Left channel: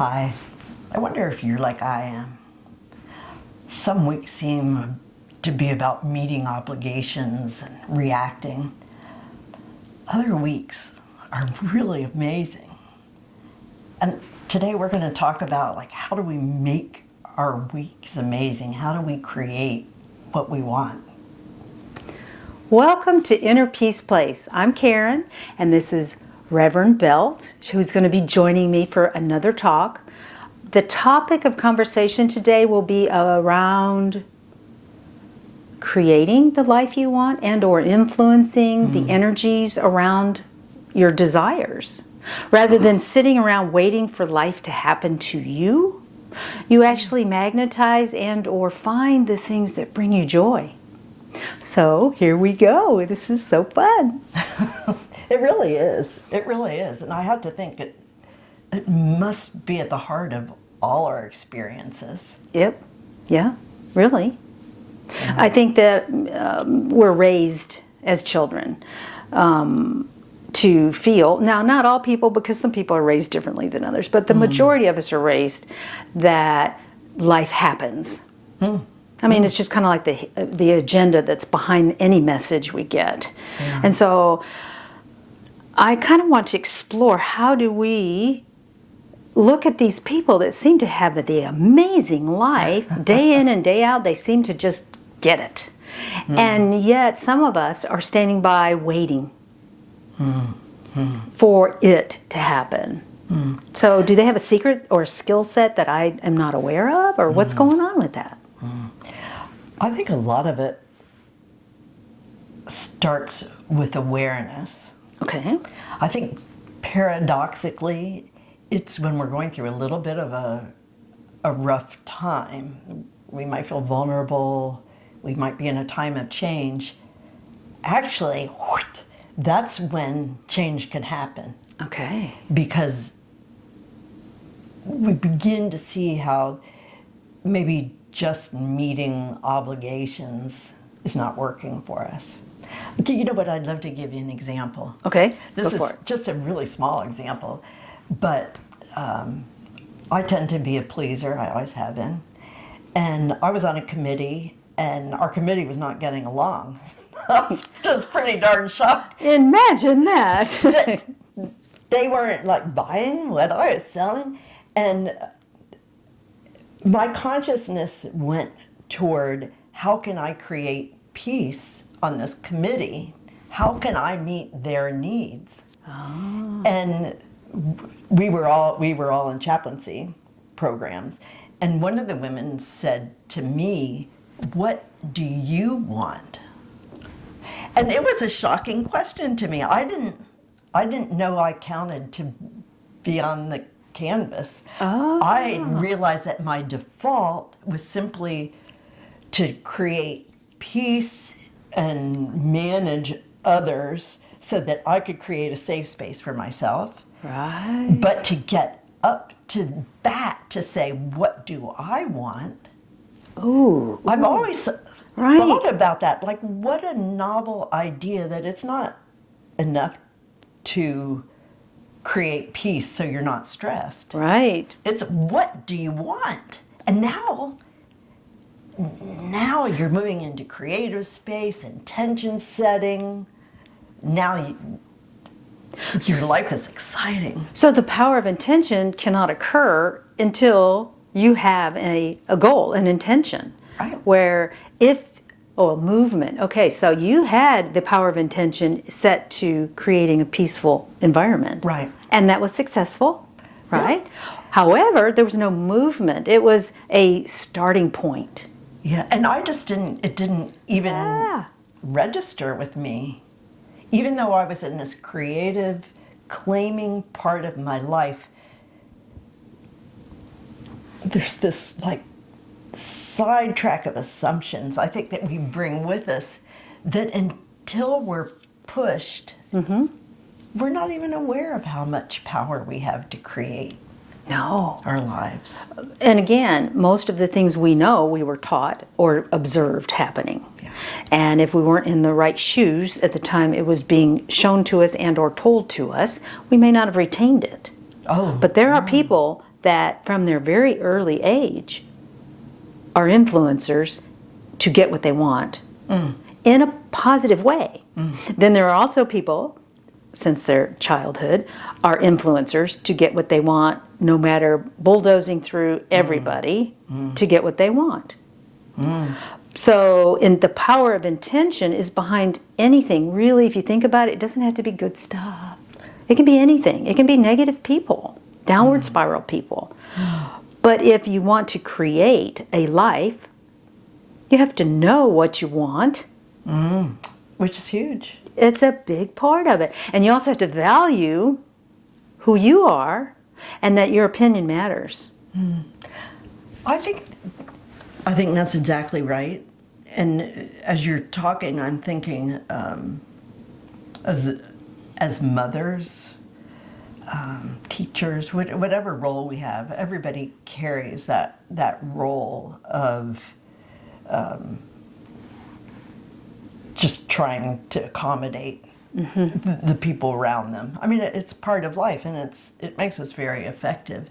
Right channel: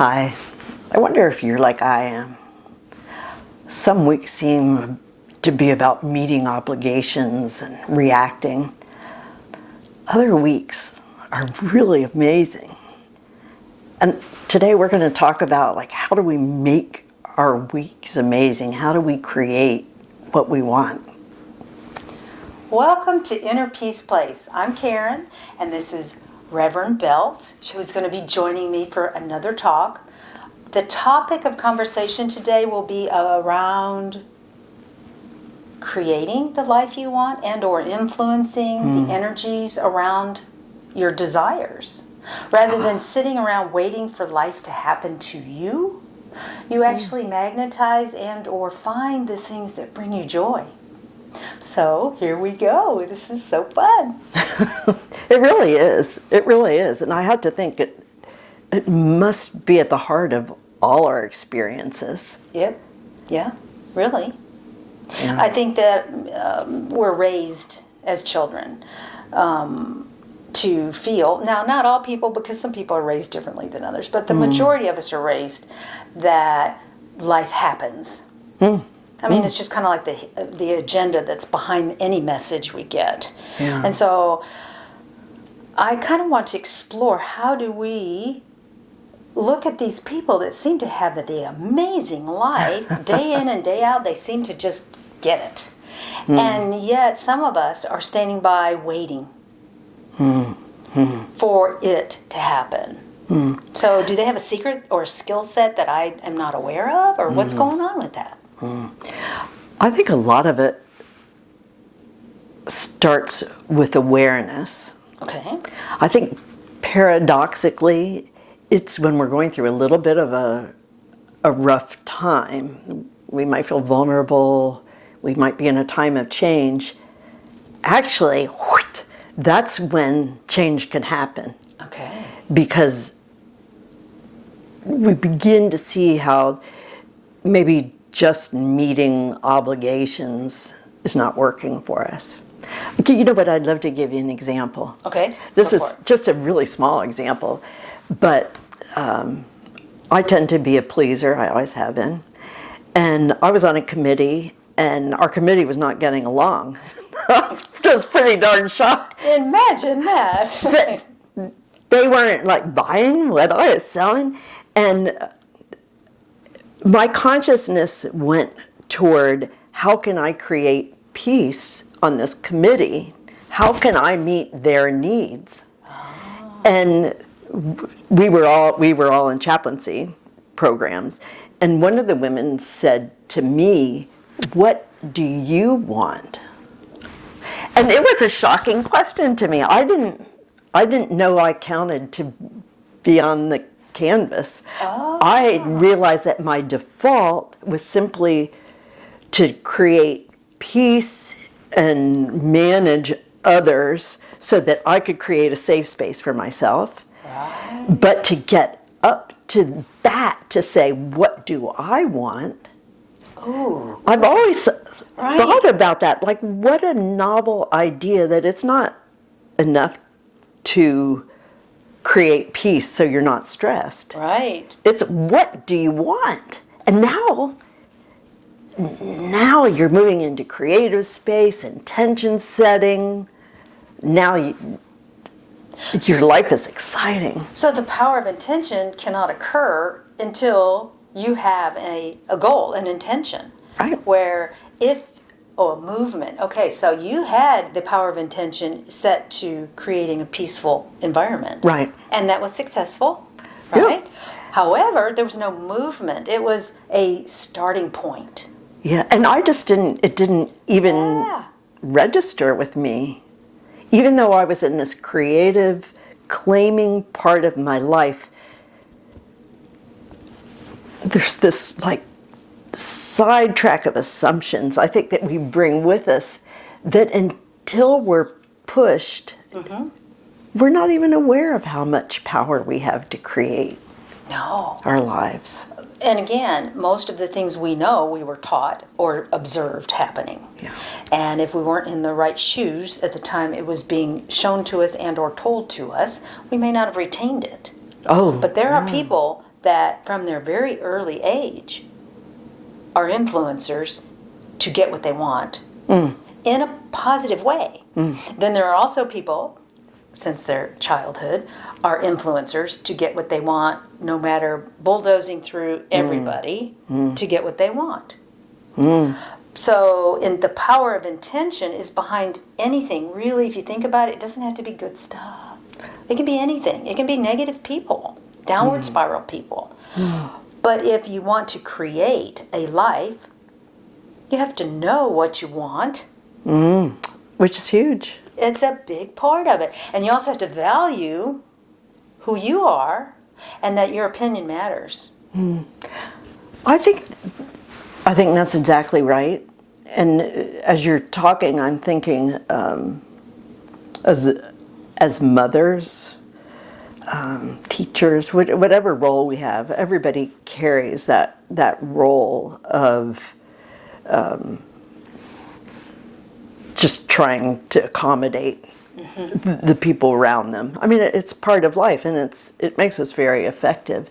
Hi. I wonder if you're like I am. Some weeks seem to be about meeting obligations and reacting. Other weeks are really amazing. And today we're going to talk about how do we make our weeks amazing? How do we create what we want? Welcome to Inner Peace Place. I'm Karen, and this is Reverend Belt, who's going to be joining me for another talk. The topic of conversation today will be around creating the life you want and or influencing the energies around your desires. Rather than sitting around waiting for life to happen to you, you actually magnetize and or find the things that bring you joy. So here we go. This is so fun. It really is. It really is. And I had to think it must be at the heart of all our experiences. Yep. Yeah, really. Yeah. I think that we're raised as children to feel, now not all people, because some people are raised differently than others, but the majority of us are raised that life happens. I mean, it's just kind of like the agenda that's behind any message we get. Yeah. And so I kind of want to explore, how do we look at these people that seem to have the amazing life day in and day out? They seem to just get it. And yet some of us are standing by waiting for it to happen. So do they have a secret or a skill set that I am not aware of? Or what's going on with that? I think a lot of it starts with awareness. Okay. I think paradoxically, it's when we're going through a little bit of a rough time. We might feel vulnerable. We might be in a time of change. Actually, that's when change can happen. Okay. Because we begin to see how maybe just meeting obligations is not working for us. You know what? I'd love to give you an example. Okay. This go is for it. just a really small example, but I tend to be a pleaser. I always have been. And I was on a committee, and our committee was not getting along. I was just pretty darn shocked. Imagine that. But they weren't buying what I was selling. And my consciousness went toward, how can I create peace on this committee? How can I meet their needs? Oh. And we were all in chaplaincy programs, and one of the women said to me, "What do you want?" And it was a shocking question to me. I didn't know I counted to be on the canvas. Oh. I realized that my default was simply to create peace and manage others so that I could create a safe space for myself. Right. But to get up to that, to say, what do I want? Ooh. I've always Right. thought about that. What a novel idea that it's not enough to create peace so you're not stressed. Right. It's, what do you want? And now you're moving into creative space, intention setting. Now your life is exciting. So the power of intention cannot occur until you have a goal, an intention. Right. Where a movement. Okay, so you had the power of intention set to creating a peaceful environment. Right. And that was successful, Yeah. right? However, there was no movement. It was a starting point. Yeah, and it didn't even Yeah. register with me. Even though I was in this creative, claiming part of my life, there's this sidetrack of assumptions I think that we bring with us that until we're pushed, we're not even aware of how much power we have to create No. our lives. And again, most of the things we know, we were taught or observed happening. Yeah. And if we weren't in the right shoes at the time it was being shown to us and or told to us, we may not have retained it. Oh, But there are people that from their very early age are influencers to get what they want in a positive way. Then there are also people, since their childhood, are influencers to get what they want, no matter bulldozing through everybody to get what they want. So, the power of intention is behind anything. Really, if you think about it, it doesn't have to be good stuff. It can be anything. It can be negative people, downward spiral people. But if you want to create a life, you have to know what you want. Which is huge. It's a big part of it. And you also have to value who you are and that your opinion matters. I think that's exactly right. And as you're talking, I'm thinking as mothers, teachers, whatever role we have, everybody carries that role of just trying to accommodate the people around them. I mean, it's part of life, and it makes us very effective.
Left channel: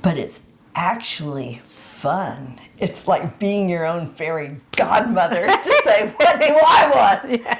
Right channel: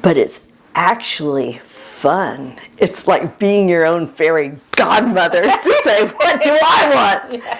But it's actually fun. It's like being your own fairy godmother to say, what do I want? Yeah.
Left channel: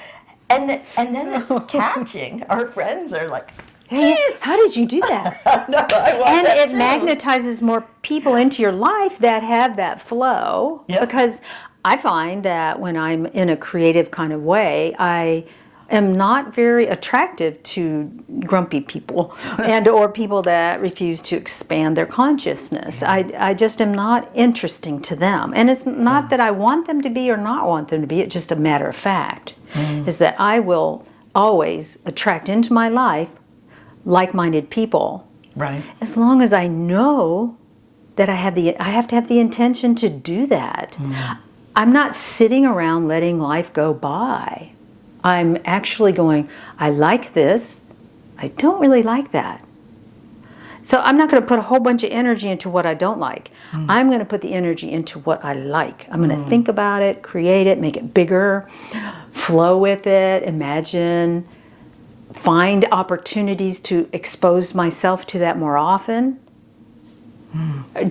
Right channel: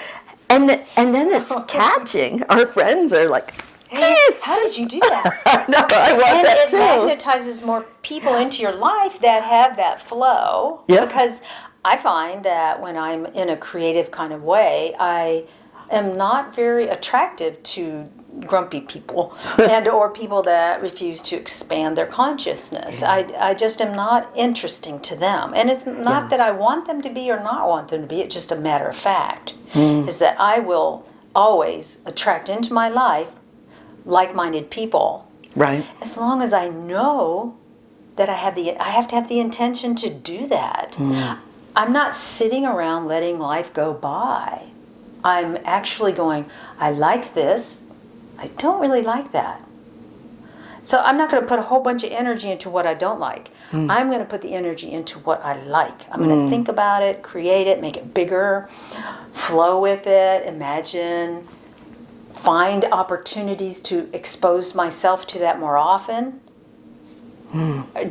And then it's catching. Our friends are like, Yes. How did you do that? no, I want And that it too. magnetizes more people into your life that have that flow. Yeah. Because I find that when I'm in a creative kind of way, I am not very attractive to grumpy people and or people that refuse to expand their consciousness. I just am not interesting to them. And it's not that I want them to be or not want them to be. It's just a matter of fact. Is that I will always attract into my life like-minded people. Right. As long as I know that I have to have the intention to do that. I'm not sitting around letting life go by. I'm actually going, I like this. I don't really like that. So I'm not going to put a whole bunch of energy into what I don't like. I'm going to put the energy into what I like. I'm going to think about it, create it, make it bigger, flow with it, imagine, find opportunities to expose myself to that more often.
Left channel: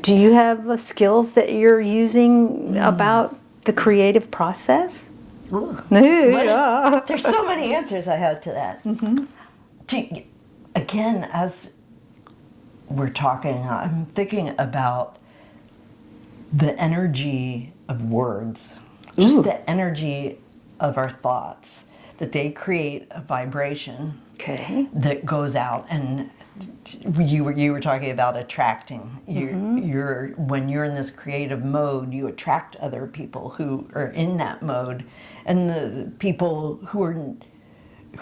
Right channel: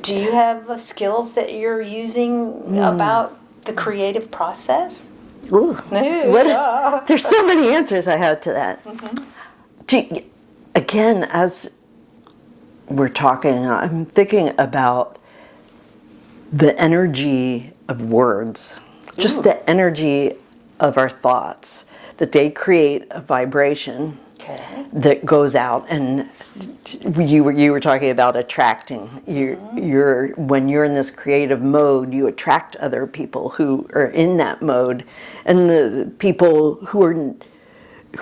Do you have skills that you're using about the creative process? Ooh. There's so many answers I have to that. Again, as we're talking, I'm thinking about the energy of words, just the energy of our thoughts, that they create a vibration that goes out. And you were talking about attracting. You're when you're in this creative mode, you attract other people who are in that mode, and the people who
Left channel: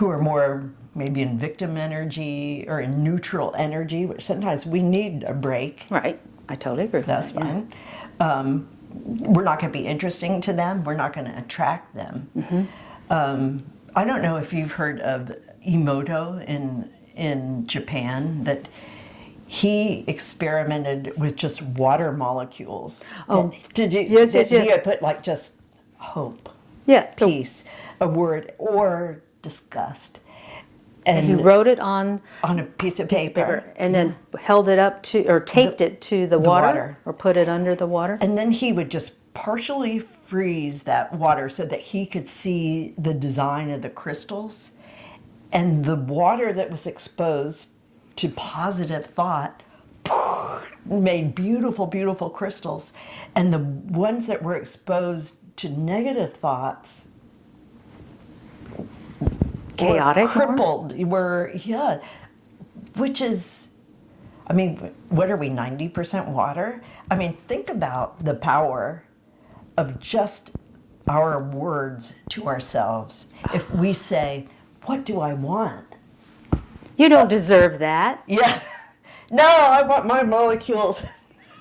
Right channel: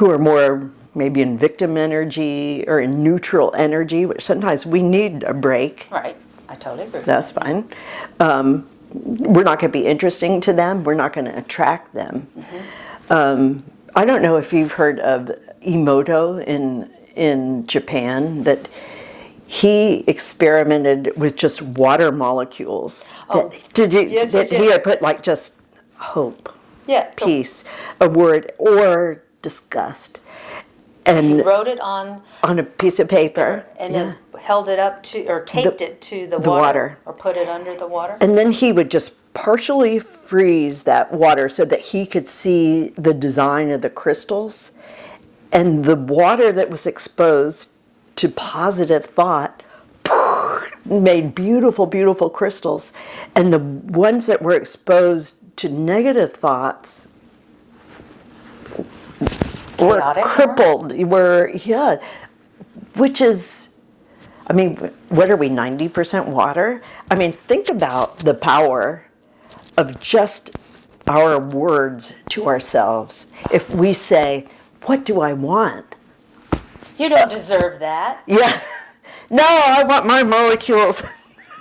are more maybe in victim energy or in neutral energy, which sometimes we need a break. Right. I totally agree. That's fine. We're not going to be interesting to them. We're not going to attract them. I don't know if you've heard of Emoto in Japan, that he experimented with just water molecules. He had put like just hope, peace, a word, or disgust. And he wrote it on a piece of paper. And then held it up to, or taped it to the water, or put it under the water. And then he would just partially freeze that water so that he could see the design of the crystals. And the water that was exposed to positive thought made beautiful, beautiful crystals. And the ones that were exposed to negative thoughts Chaotic, were crippled, which is, I mean, what are we, 90% water? I mean, think about the power of just our words to ourselves. If we say, what do I want? You don't deserve that. Yeah. No, I want my molecules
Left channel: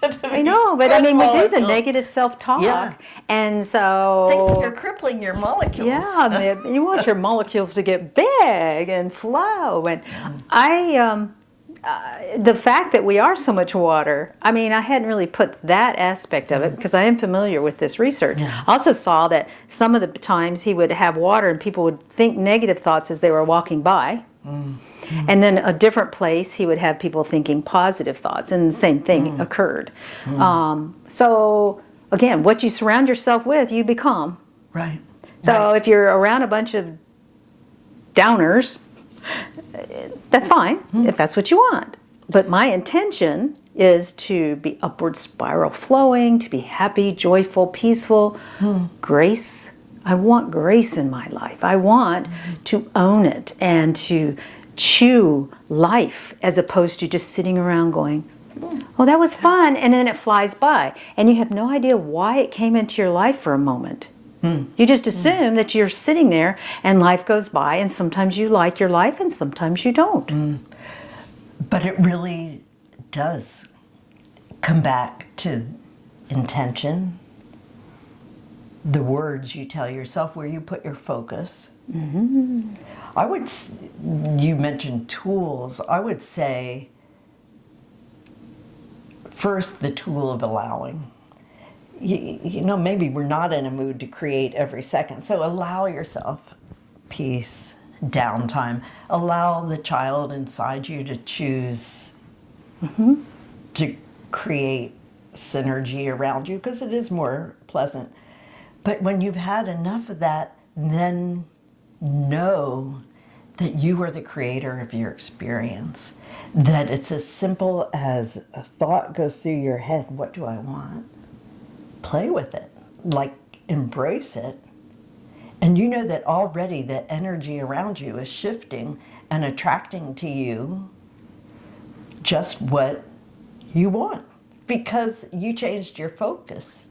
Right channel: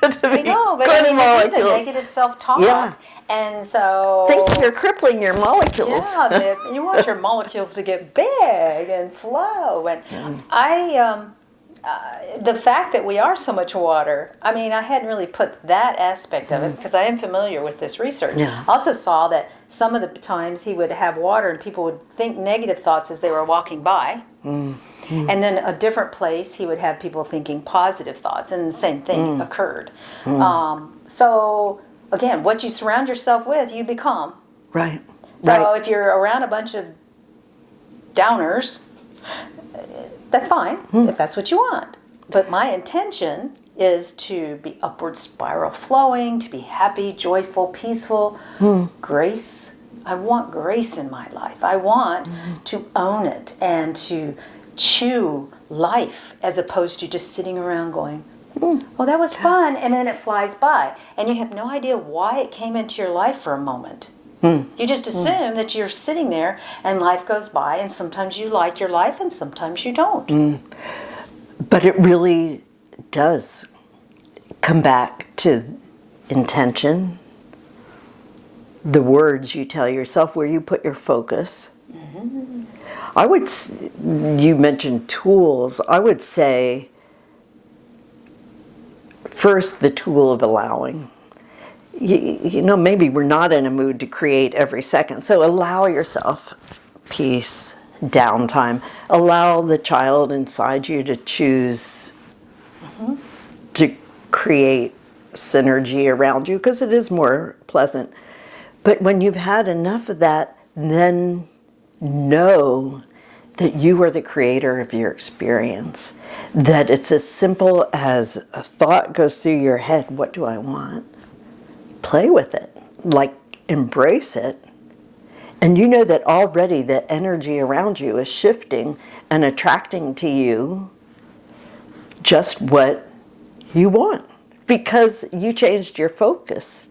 to be I know, but I mean, you do the negative self-talk. Yeah. And so... think you're crippling your molecules. Yeah, you want your molecules to get big and flow. And the fact that we are so much water, I mean, I hadn't really put that aspect of it because I am familiar with this research. Yeah. I also saw that some of the times he would have water and people would think negative thoughts as they were walking by. And then a different place, he would have people thinking positive thoughts, and the same thing occurred. So again, what you surround yourself with, you become. Right. So if you're around a bunch of downers, that's fine if that's what you want. But my intention is to be upward spiral flowing, to be happy, joyful, peaceful, grace. I want grace in my life. I want to own it and to chew life as opposed to just sitting around going, well, that was fun, and then it flies by. And you have no idea why it came into your life for a moment. You just assume that you're sitting there and life goes by, and sometimes you like your life and sometimes you don't. But it really does come back to intention, the words you tell yourself, where you put your focus. You mentioned tools. I would say first the tool of allowing. You know, maybe we're not in a mood to create every second. So allow yourself peace, downtime. Allow the child inside you to choose to create synergy around you, because it is more pleasant. But when you've had enough of that, then know that you are the creator of your experience. That it's as simple as a thought goes through your head, what do I want? Play with it, like embrace it. And you know that already the energy around you is shifting and attracting to you just what you want, because you changed your focus.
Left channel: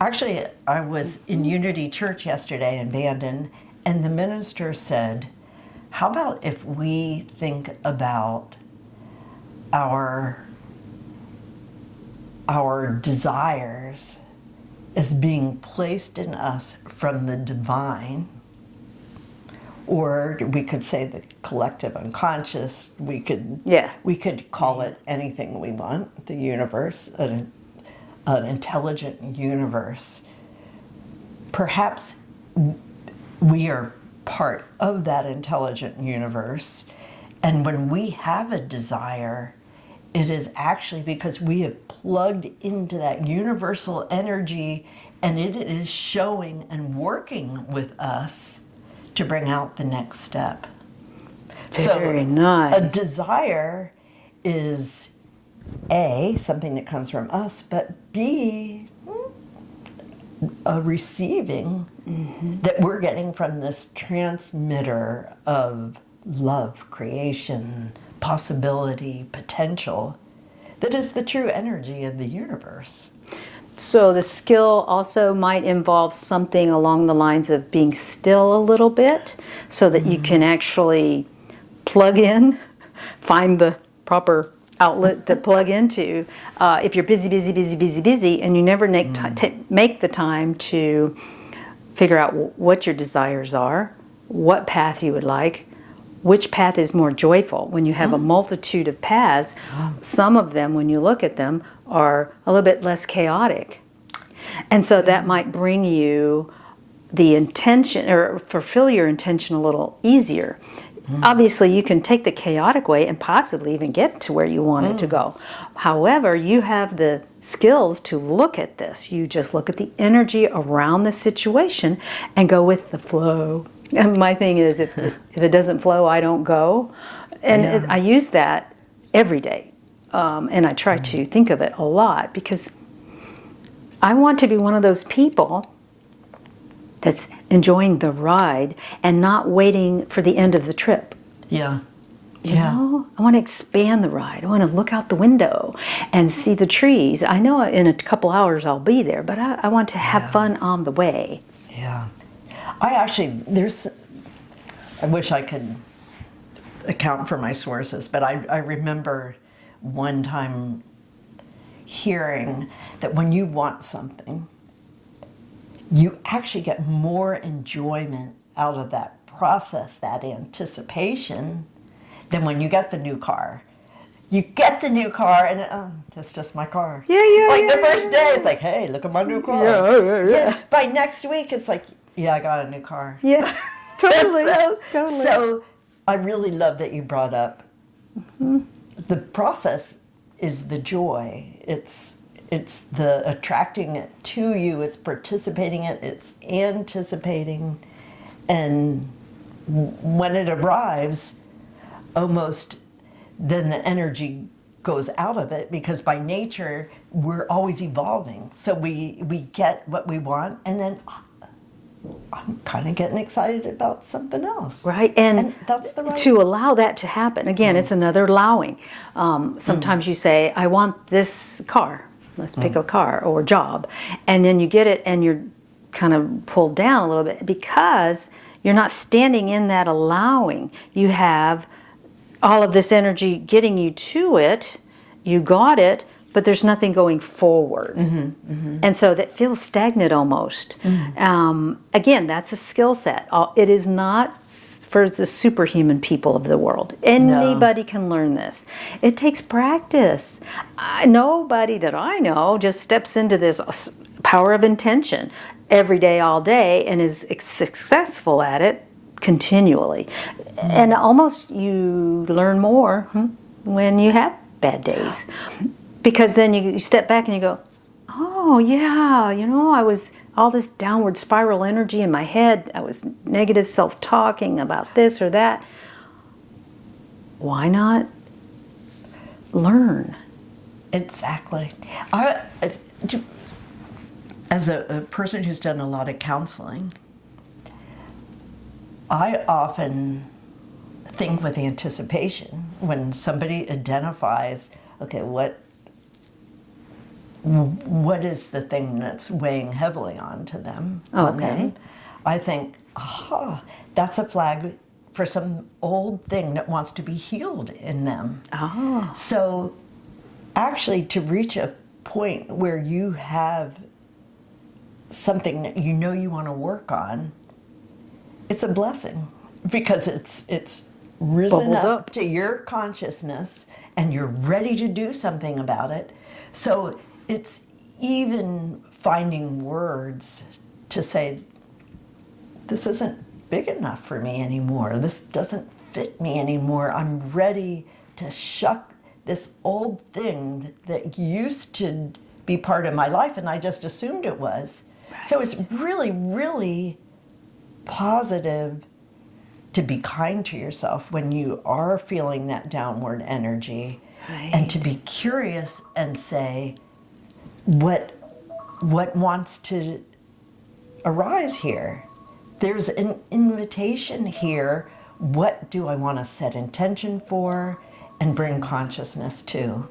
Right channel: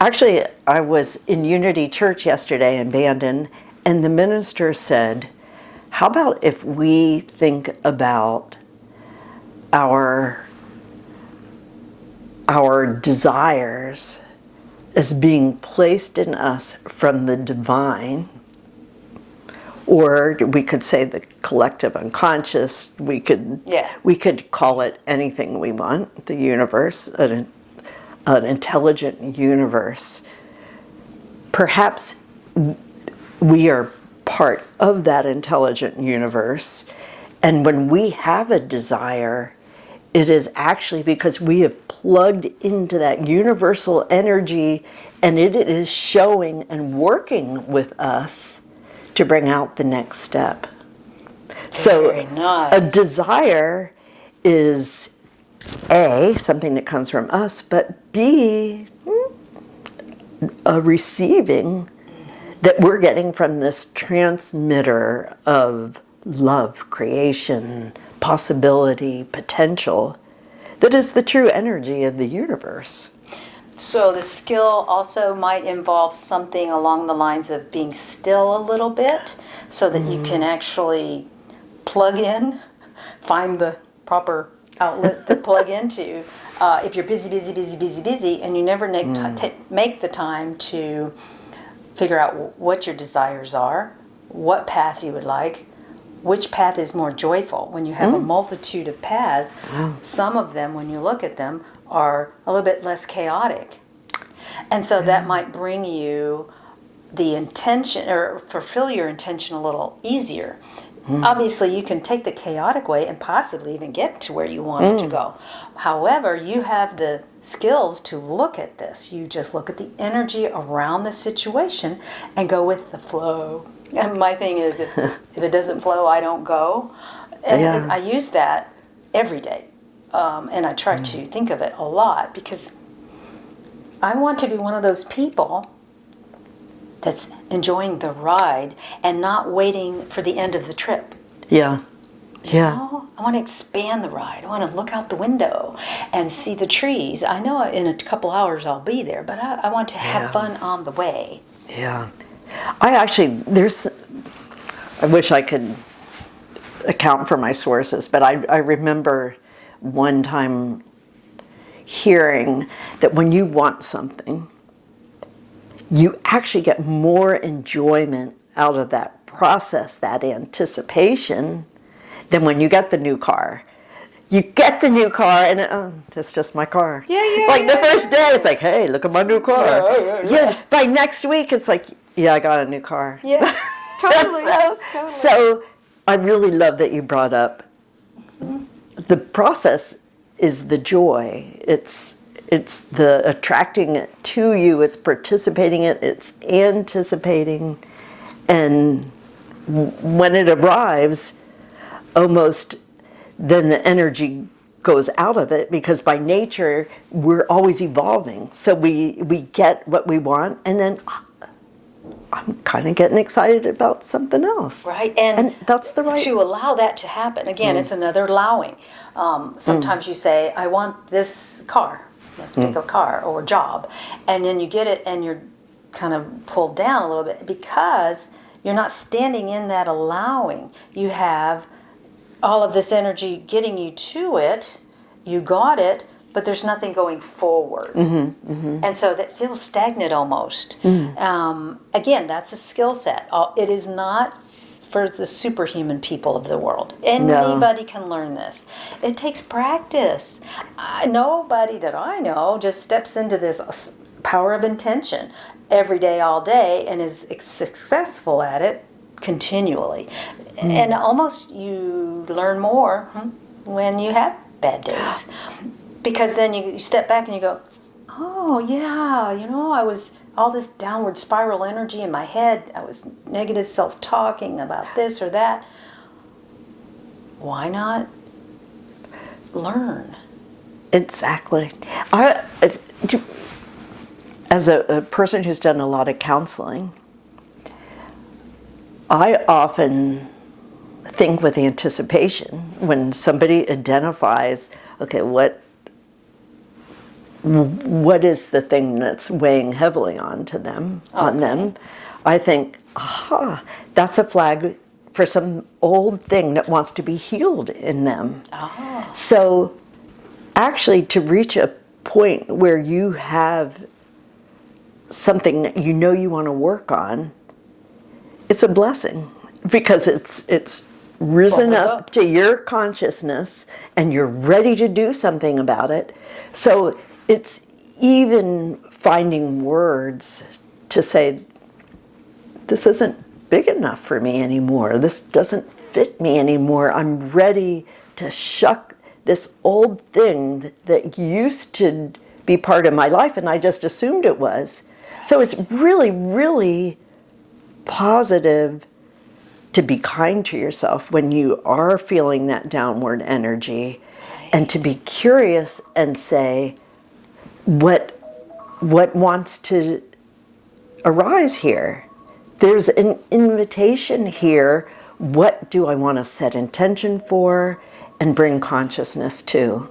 Actually, I was in Unity Church yesterday in Bandon, and the minister said, how about if we think about our desires as being placed in us from the divine, or we could say the collective unconscious. We could call it anything we want. The universe, an intelligent universe. Perhaps we are part of that intelligent universe, and when we have a desire, it is actually because we have plugged into that universal energy, and it is showing and working with us to bring out the next step. Very nice. A desire is A, something that comes from us, but B, a receiving that we're getting from this transmitter of love, creation, possibility, potential, that is the true energy of the universe. So the skill also might involve something along the lines of being still a little bit so that you can actually plug in, find the proper outlet to plug into. If you're busy, and you never make the time to figure out what your desires are, what path you would like, which path is more joyful. When you have a multitude of paths, some of them, when you look at them, are a little bit less chaotic. And so that might bring you the intention, or fulfill your intention a little easier. Obviously, you can take the chaotic way and possibly even get to where you want it to go. However, you have the skills to look at this. You just look at the energy around the situation and go with the flow. And my thing is, if it doesn't flow, I don't go. And I use that every day. And I try to think of it a lot, because I want to be one of those people that's enjoying the ride and not waiting for the end of the trip. Yeah. You know? I want to expand the ride. I want to look out the window and see the trees. I know in a couple hours I'll be there, but I want to have fun on the way. Yeah. I wish I could account for my sources, but I remember one time hearing that when you want something, you actually get more enjoyment out of that process, that anticipation, than when you get the new car. You get the new car and that's just my car. Like the first day, it's like, hey, look at my new car. Yeah. By next week, it's like, yeah, I got a new car. Yeah, totally. So I really love that you brought up the process is the joy. It's the attracting it to you. It's participating in it. It's anticipating, and when it arrives, almost then the energy goes out of it, because by nature we're always evolving. So we get what we want, and then I'm kind of getting excited about something else. Right, and that's the right. to allow that to happen. Again, it's another allowing. Sometimes you say, "I want this car." Let's pick a car or job, and then you get it, and you're kind of pulled down a little bit because you're not standing in that allowing. You have all of this energy getting you to it. You got it, but there's nothing going forward. And so that feels stagnant almost. Again, that's a skill set. It is not for the superhuman people of the world. Anybody can learn this. It takes practice. Nobody that I know just steps into this power of intention every day, all day, and is successful at it continually. And almost you learn more when you have bad days, because then you step back and you go, oh yeah, I was all this downward spiral energy in my head. I was negative self-talking about this or that. Why not learn? Exactly. As a person who's done a lot of counseling, I often think with anticipation when somebody identifies, okay, what is the thing that's weighing heavily on them? I think, that's a flag for some old thing that wants to be healed in them. So actually, to reach a point where you have something that you know you want to work on, it's a blessing, because it's risen up to your consciousness and you're ready to do something about it. So it's even finding words to say, this isn't big enough for me anymore. This doesn't fit me anymore. I'm ready to shuck this old thing that used to be part of my life and I just assumed it was. So it's really, really positive to be kind to yourself when you are feeling that downward energy, and to be curious and say, what wants to arise here? There's an invitation here. What do I want to set intention for and bring consciousness to?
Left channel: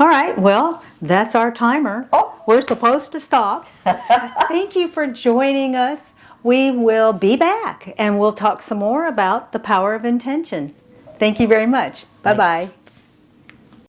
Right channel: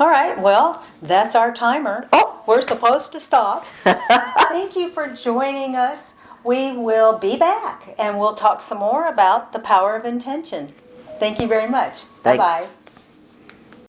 All right, well, that's our timer. We're supposed to stop. Thank you for joining us. We will be back and we'll talk some more about the power of intention. Thank you very much. Bye-bye.